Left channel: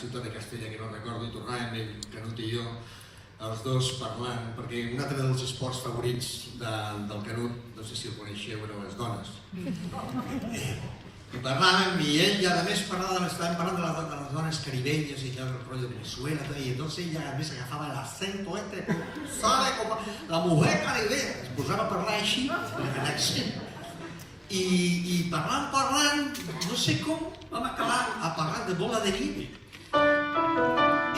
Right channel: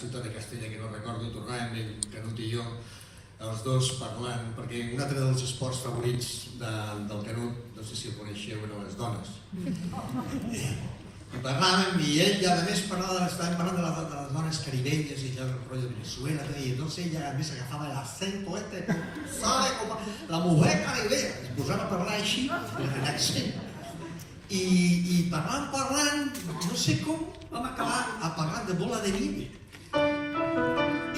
ciutat de Castella, que no recordo, i tornàvem el Canut i jo, els dos parlant, perquè un altre dels esports favorits del Canut, no sé si el coneixeu, eren les dones. I parlàvem, i ell a més estàvem parlant de les dones caribeñas i el rotllo de Venezuela, i entonces ella a més agafava l'acento ¿sabe? La mujer caribeña, es posava a parlar així, amb l'accent. I parlant, no sé com, vam acabar a parlar de Bola de Nieve.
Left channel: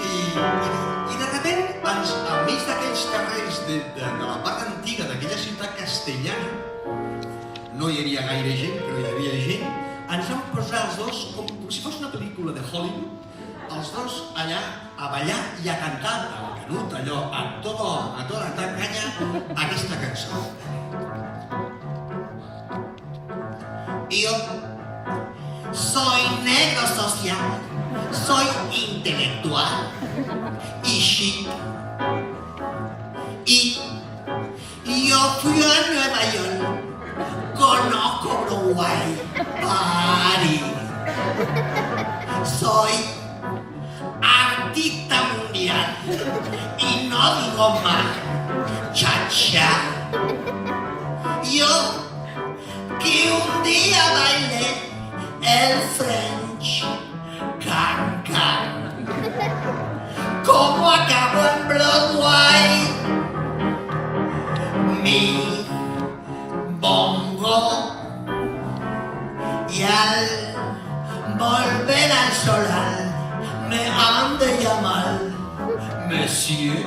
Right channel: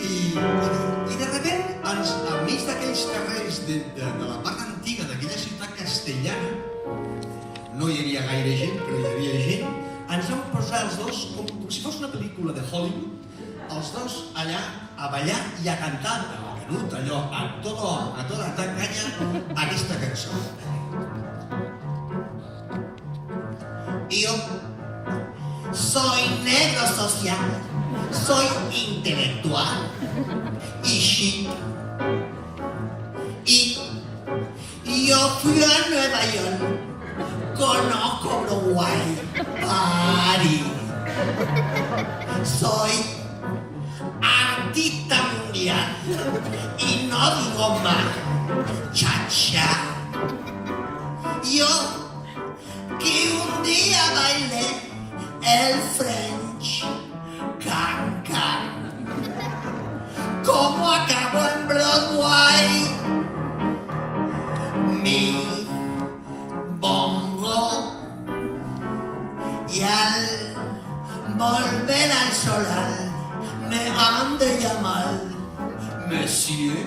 I de repente, al mig d'aquells carrers de la part antiga d'aquella ciutat castellana, no hi havia gaire gent, però hi havia gent, ens vam posar els dos, com si fos una pel·lícula de Hollywood, els dos allà a ballar i a cantar al Canut, allò, a tota canya, aquesta cançó. Yo soy negro social, soy intelectual y chic. Y yo fui a Nueva York, conozco Broadway, París. Soy artista mundial y no digo más, cha-cha. Yo que un día bailé el French Can-Can. Como acabó en Broadway mi bongo, y al volver al solar me han de llamar Monsieur.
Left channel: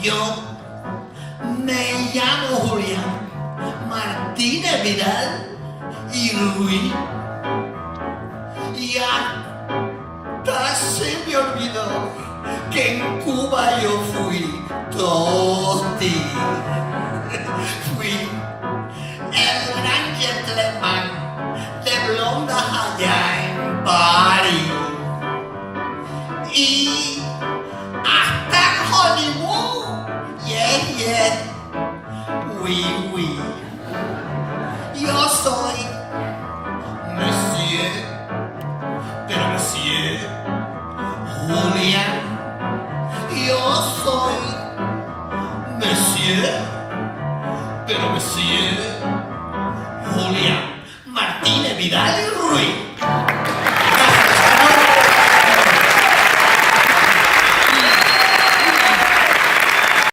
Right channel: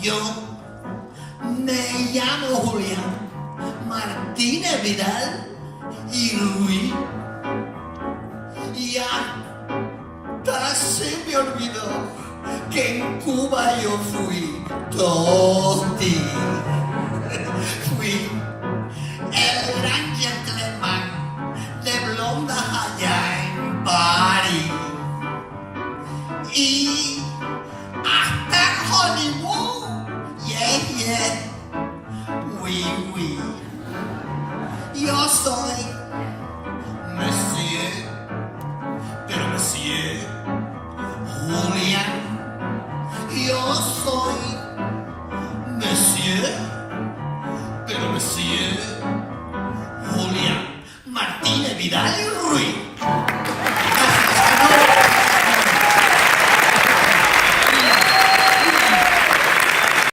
Yo me llamo Julián Martínez Vidal y Ruiz. Ya casi me olvidó que en Cuba yo fui Totti. Fui el gran gentleman de blondas allá en París. Y hasta Hollywood, yeah, oui. Yo soy Monsieur, pero Monsieur Julián. Yo soy Monsieur, pero Monsieur Julián Martínez Vidal y Ruiz.